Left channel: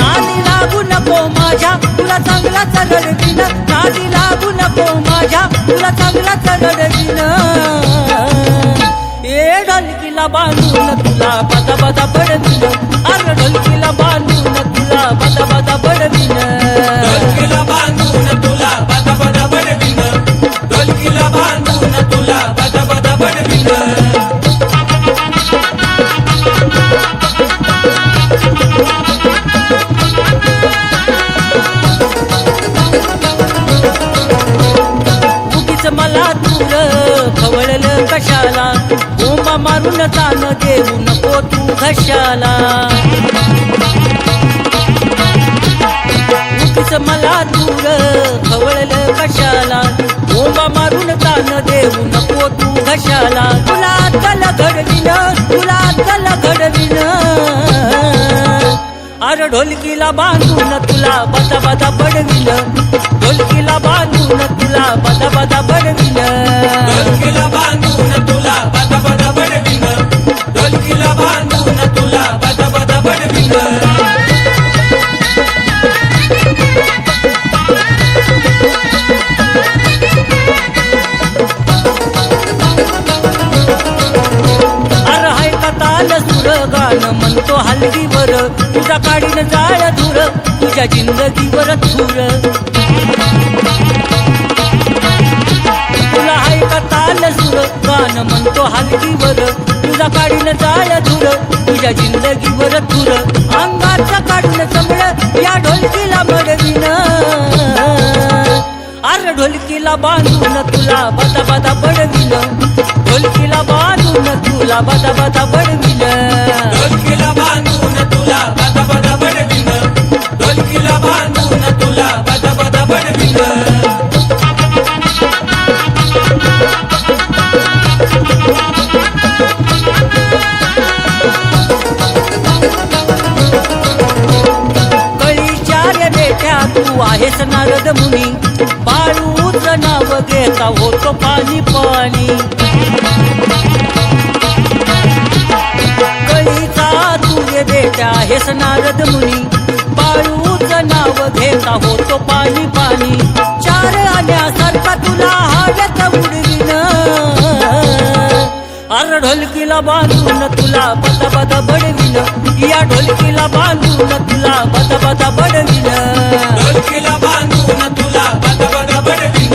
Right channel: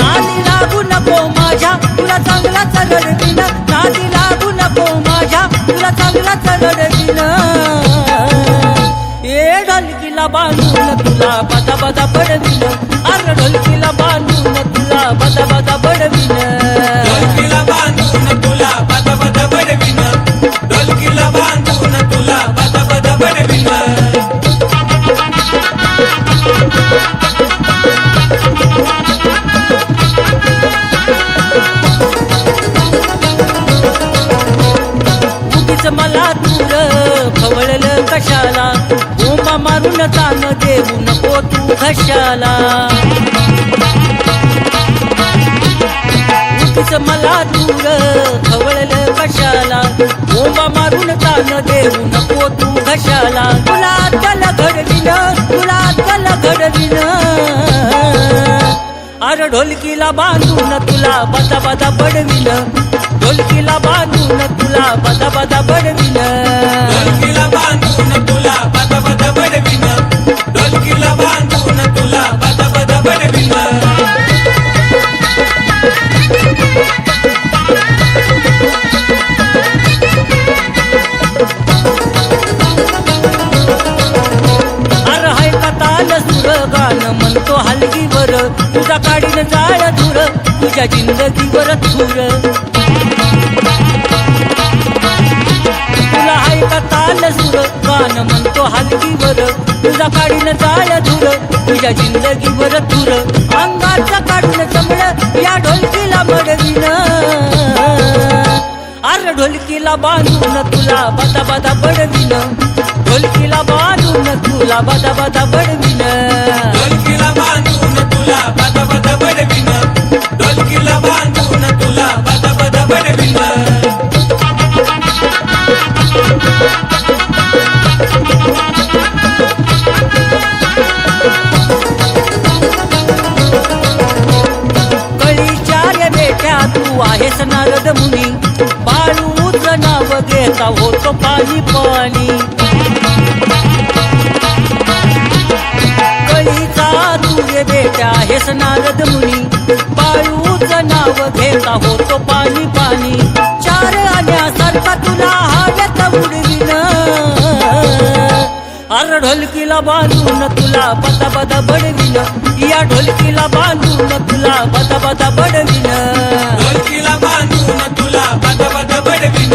नादी लागू नको माझ्या तुला चांगला रडवीन, नादी लागू नको माझ्या तुला चांगला रडवीन. ए ढोलकीला बांधून तुला बदा बदा बडवीन, अरे ढोलकीला बांधून तुला बदा बदा बडवीन. ढोलकीला बांधून तुला बदा बदा बडवीन, ढोलकीला बांधून तुला बदा बदा बडवीन. उगीच मला दूर खवळलं कशाला, बोंबा मारून तान देऊ नको तू घशाला. उगीच मला दूर खवळलं कशाला, बोंबा मारून तान देऊ नको तू घशाला. तुला त्याला घडवीन, तुला त्याला घडवीन. अरे ढोलकीला बांधून तुला बदा बदा बडवीन, ढोलकीला बांधून तुला बदा बदा बडवीन. ढोलकीला बांधून तुला बदा बदा बडवीन, ढोलकीला बांधून तुला बदा बदा बडवीन. अरे हाय का ताल सुर गाणं म्हणतो हलगीवर, तुझा काढीन जाळ धुर तुझ्या जिंदगीवर थुर. तुला हाय का ताल सुर गाणं म्हणतो हलगीवर, तुझा काढीन जाळ धुर तुझ्या जिंदगीवर थुर. अंगाचं काढून चमड या ढोलकीला मडवीन, अरे ढोलकीला बांधून तुला बदा बदा बडवीन, ढोलकीला बांधून तुला बदा बदा बडवीन. ढोलकीला बांधून तुला बदा बदा बडवीन, ढोलकीला बांधून तुला बदा बदा बडवीन. कळीच्या रे बेट्या तू आहेस नारद मुनी, बाळूचं नाव घेता होतो पाणी पाणी. कळीचा तू रे बेट्या आहेस नारद मुनी, बाळूचं नाव घेता होतो पाणी पाणी. चार आण्यासारखा तुला हव्यात उडवीन, अरे ढोलकीला बांधून तुला बदा बदा बडवीन, या ढोलकीला बांधून तुला बदा बदा बडवीन. ढोलकीला बांधून तुला बदा बदा बडवीन,